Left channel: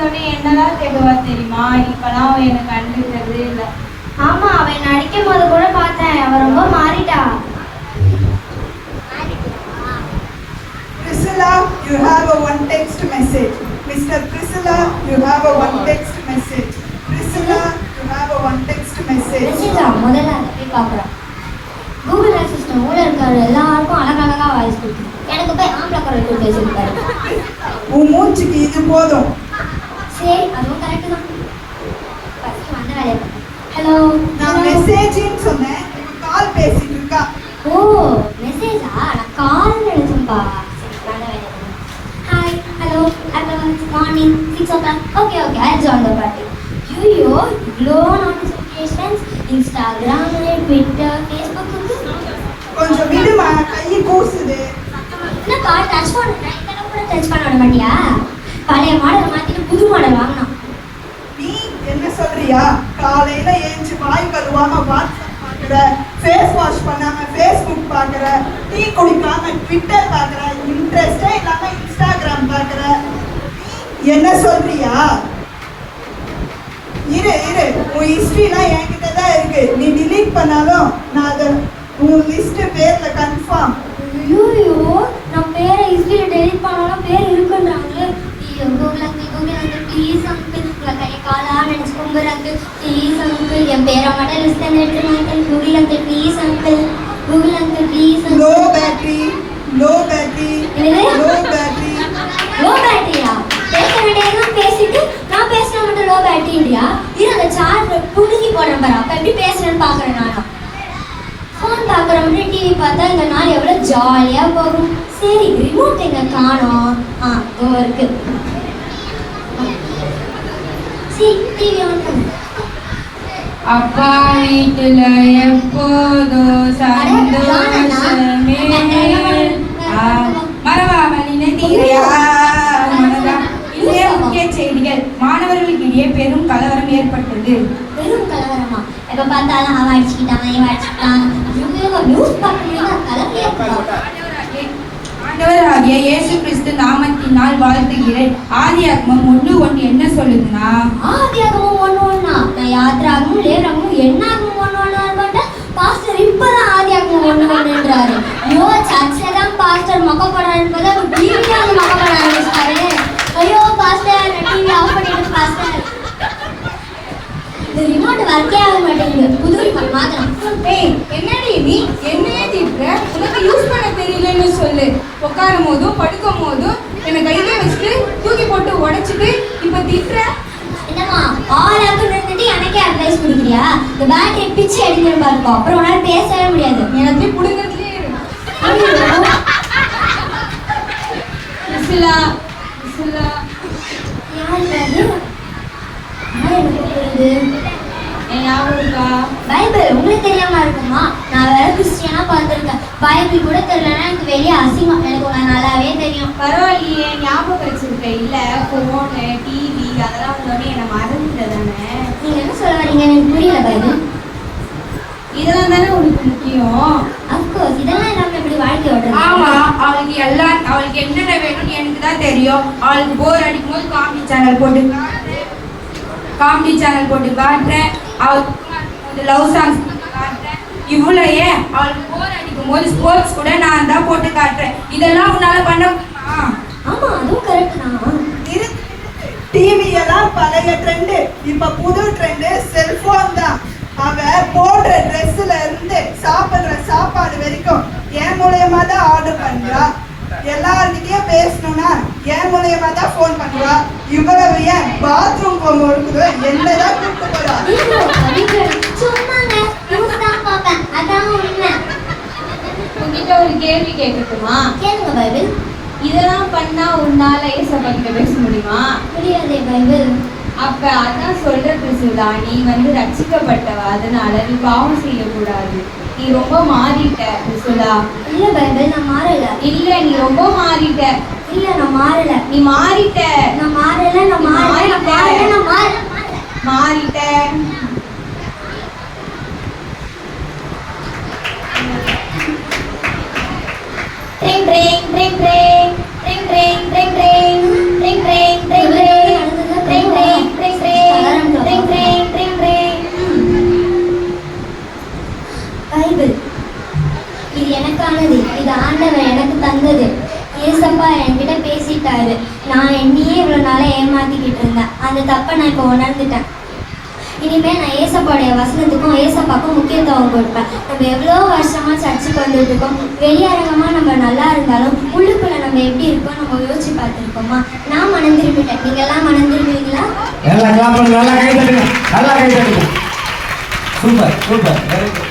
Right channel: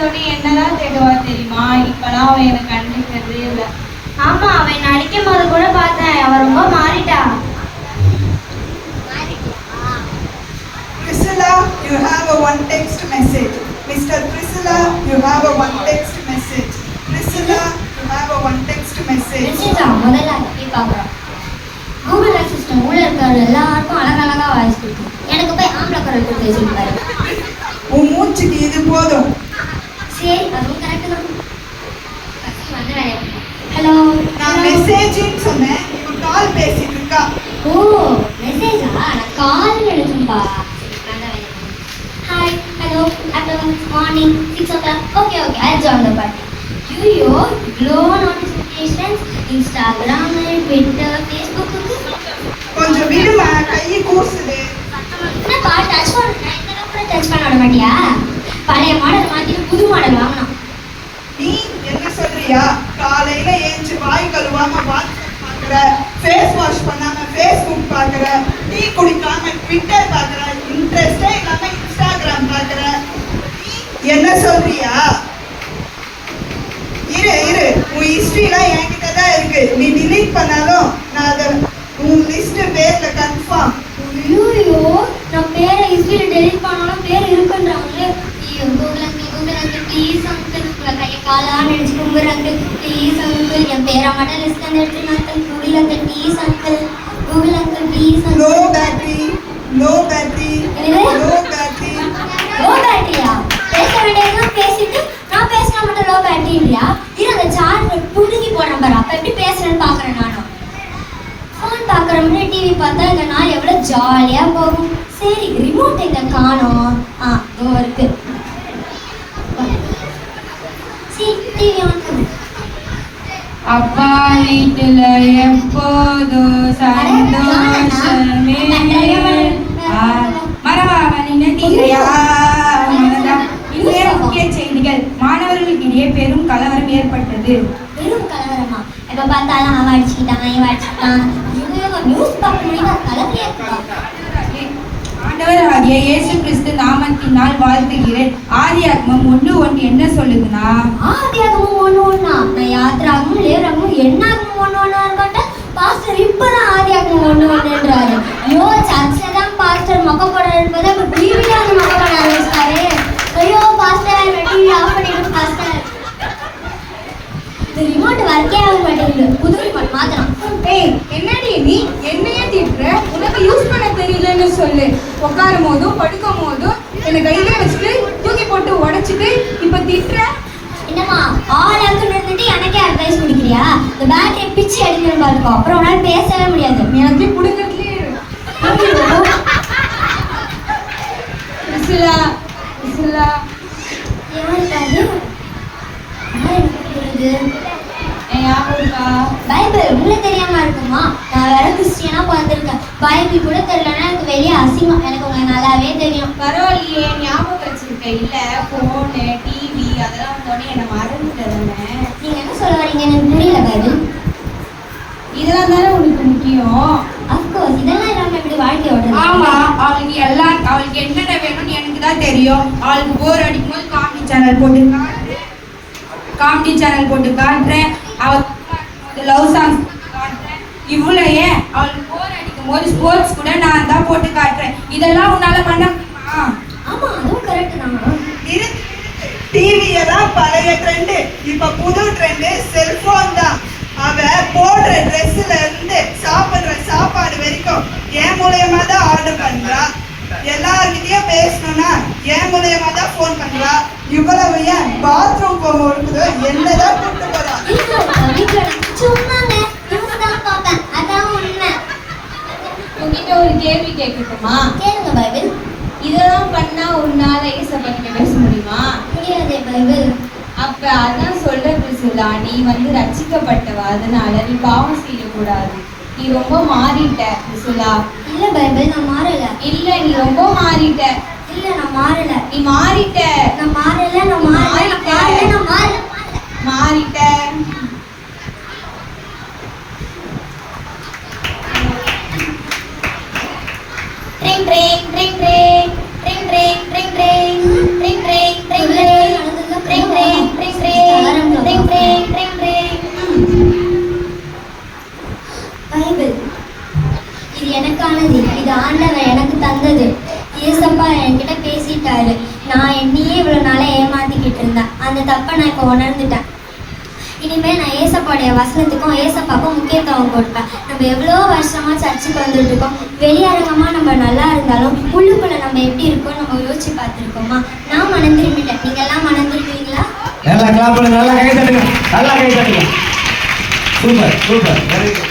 வந்தோடனே என்னதான் தேடுவா தெரியுமா? இப்பெல்லாம் அவன் எனக்கு கண்டுக்கிறதே இல்லை. ஆமா, அவன் நடிக்கும் போது கூட பார்த்தேன், அவன் ரொம்ப மாறிட்டா. Priscilla, you have a one text message. Mr. Priscilla, you have a one text message. Priscilla, you have a one text message. மெசேஜா முதல்ல நீ பாக்குற கூகுள் அசிஸ்டன்ட் உள்ள இருக்காரு, எல்லாருக்கும் அழகழகா வாய்ஸ் கொடுத்து எனக்கு போய் ஆம்பளை குரல் கொடுத்து சொல்லிட்டாரு. உன் மூச்சுக்கு இது போதும். சரி, அதுவும் கரெக்ட் தான். ஹலோ, நான் மெசேஜ்னு சொன்னேன், இவ கால் பேசிட்டு இருக்கா. ஓ மெசேஜா? நான் கால் நினைச்சேன்பா. Hi, hello, advance morning 6 o'clock. Okay okay, I'll join the party. ஐயோ, இவ்வளோ நோட்டிஃபிகேஷன்ஸ் இன்ஸ்டாகிராம், ட்விட்டர், ஃபேஸ்புக். கொஞ்சம் விடுமா, கையை கூசுது. என்னப்பா டச் பண்ண இந்த நம்பரை டச் பண்ண விட மாட்டியா? பழைய மாடல் மாற்றிட்டு புது மாடல் வாங்கணும். நீ என்ன சொல்றியா? காலையில ஏஞ்சி வாய் கழுவாம வாட்ஸ்அப் பாக்குற, ஃபேஸ் வாஷ் பண்ணாம ஃபேஸ்புக் பாக்குற, டீ குடிக்காம ட்விட்டர் பாக்குற, இன்ட்ரெஸ்டே இல்லாம இன்ஸ்டாகிராம் பாக்குற. நீ என்ன சொல்றியா? இரு இரு, உன் ஹிஸ்டரிலாம் என்கிட்ட தான் இருக்கு. நீ டிலீட் பண்ணாலும் நான் அதை உன் லிஸ்ட் பேர்ல கன்ஃபார்ம். ஐயோ, நான் பேரை ஹிஸ்டரியில் டெலிட் பண்ணாலும் பேர் இருக்குன்றாங்களே. ஐயோ, கூகுள் அங்கிள் ப்ளீஸ் அங்கிள், உங்களை கையை காலாக நினச்சி கும்புறாங்க ப்ளீஸ் அங்கிள். என் பேரை மட்டும் லிஸ்ட் எடுத்துருங்க uncle. Google uncle please uncle, Google uncle please. Low battery, low battery, low battery. Low பேட்டரியா? பேச வேண்டியதுதான் பேசிட்டு நான் பேசினா மட்டும் லோ பேட்டரியா? இது அந்த சார்ஜர் புடுங்கி போடுறேன் பாரு, அப்போ எப்படி பேசுறேன்னு பார்க்குறேன். நானும் ஃபோன் பார்க்குற மட்டும் டிவி பார்த்தா இந்த நாள் எவ்வளோ ஜாலியாக போகும். சரி, ரிமோட் எங்கே காணோம்? இதோ இருக்கு. சரி, டிவி ஆன் பண்ணு. அப்பா வீட்டுல எப்போதும் சந்தோஷமே. மரபாவளி நதியா. இன்றைய முக்கிய செய்திகள். மாணவர்களுக்கிடையே பெரும் கலவரம் ஏற்பட்டது. பெரும் கலவரமா? எப்போ பார்த்தாலும் அவன் அடிச்சுக்கிட்டான், இவன் அடிச்சுக்கிட்டான். நியூஸ் பார்க்கணும்னா கலவரம் ஏற்படும். ஆண்டவராகிய இயேசு கிறிஸ்து நாமத்தினால் வாழ்த்துகிறேன். ஆதியாகமம் 1:1 என்ன சொல்லுதுன்னா? ஆதியாகமம் 1:1. நான் யாத்ராகமும் லேவியராகமும் என்னாகமும் 1:1 கேட்டேன். பாஸ்டர் இப்பதான் ஆதியாகமம் 1:1ன்றாரு. ஐயோ, சர்ச்சில் தான் பாஸ்டர் மொக்க போடுறாரு போது அப்போ டிவியில் வந்து மொக்க போட ஆரம்பிச்சிட்டாரு. ஐயோ பாஸ்டர், டிவி ஆஃப் பண்ணிடுங்க பாஸ்டர். இந்த ரிமோட் ஒர்க்கே ஆக மாட்டேங்குது, புது ரிமோட் மாத்தணும். ஏய், என்னடி நீ என்னையே திட்டுற? உனக்கு யூஸ் பண்ண தெரியலன்னு சொல்லு. உட்காரும் போதும் படுக்கும் போதும் என்னை கையிலே வச்சுட்டு தூக்கி போட்டு உடைச்சிட்டு இப்ப திட்டுற. என்னம்மா, ஆளாக்கு இருந்துட்டு எனக்கே அட்வைஸ் கொடுக்குறியா? இந்த பேட்டரி பிச்சு அடிக்கிற மாதிரி இருக்கும், அப்புறம் உன்னால பேசவே முடியாது. எனக்கு புடுங்கிறதுலே விசிலா விசிலா. யாருக்காது என் ஞாபகம் இருக்கா? பைபிள் உங்களுக்கு தெரியாம இருக்குமா? நான் வேற கிறிஸ்டியனா பார்த்துருக்கேன். பைபிள் கூட தெரியலன்னா எனக்கு வெளியே அசிங்கம். எனக்கு உங்களை நல்லாவே தெரியும். பரவாயில்லையே, ஞாபகம் வச்சிருக்க. இல்ல போனு டிவி அதெல்லாம் வந்தோடனே என்ன மறந்துட்டதானே. நீங்க என்ன சொல்ல வரீங்க? எனக்கு புரியல. பைபிள் இதெல்லாம் தானே உனக்கு முக்கியம். அஃப்கோர்ஸ், இதெல்லாம் இல்லாம எப்படி வாழ்க்கை ஓடுறது? ஆமா, அவளுக்கு என்னென்ன வேணும்னு எனக்கு தான் தெரியும். அவளுக்கு போர் அடிக்கும் போது காமெடி சேனல் போட்டு காட்டுறேன். அவளுக்கு லவ் சாங்ஸ் காட்டுறேன். இவ்வளோ ஏன், அவளுக்கு போர் அடிக்கும் போது ஸ்போர்ட்ஸ் கூட நான் தான் போட்டு காட்டுறேன். இதெல்லாம் உன்னால பண்ண முடியுமா? ஆமா, அதுவும் கரெக்ட் தான். டிவி எல்லாம் பழைய ட்ரெண்டு, இப்ப புது ட்ரெண்டு செல்போன் தான். அவ போடுற ட்ரெஸ்ல இருந்து சாப்பிடுற சாப்பாடு வரைக்கும் என் மூலயமா தான் ஆர்டர் பண்றா. எல்லார்கிட்டயும் பேசணும்னா என் மூலயமா தான் ஃபோன் பண்றா. இவ்வளவு ஏன் பாத்ரூம் போகும்போது என்னதான் கூப்பிட்டு போறா? சும்மாங்க நியூஸ் தான் பார்ப்பேன், அதான் உண்மை. உங்ககிட்ட ஒரு கேள்வி கேட்கட்டுமா? கேளுங்க பைபிள். இதெல்லாம் பண்ணா ஒரு நாள் ஏசப்பா கிட்ட பேச முடியுமா? முடியாதே பைபிள். அப்ப அதான் சொல்ற பிரிசிலா, நீ ரட்சிக்கப்பட்டவ, அதனால நீ பாவம் செய்யக்கூடாது. நீ ரொம்ப மாறிட்ட பிரிசிலா. இல்ல பைபிள், நான் மாறல. இல்ல, நீ ரொம்ப மாறிட்ட. இல்ல, நான் மாறல. நீ மாறிட்ட. நான் மாறல, நான் மாறல, நான் மாறல, நான் மாறல. மாறிட்ட. ட்ரிங் ட்ரிங் ட்ரிங் ட்ரிங் ட்ரிங் ட்ரிங் ட்ரிங் ட்ரிங் ட்ரிங் ட்ரிங் ட்ரிங் ட்ரிங் ட்ரிங் சொல்லுது, ஏசப்பா என்கிட்ட பேசிட்டாரு. நான் என்னையே இவ்வளோ நாளாக ஏமாத்திக்கிட்டு இருந்தேன். அந்த தப்பை நான் இப்போ உணர்ந்துட்டேன். இனிமேல் நான் ஏசப்பாடைய வசனத்துக்கும் ஏசப்பாக்கும் முக்கியத்துவம் கொடுப்பேன். நம்ம எவ்வளோ வருஷமாக சர்ச்சுக்கு வந்துட்டு இருக்கோம். வெளியரங்கமாக நம்ம நல்லா இருந்தாலும் உள்ளுக்குள்ள நம்ம எப்படி இருக்கோம் நம்ம யோசிச்சு பார்த்துருக்கோமா? நான் மனம் திரும்பிட்டேன். நீங்க எல்லாம் மனம் திரும்புவீங்களா? நல்லா கை தட்டுங்க, நல்லா கை தட்டுங்க. Super super, very good.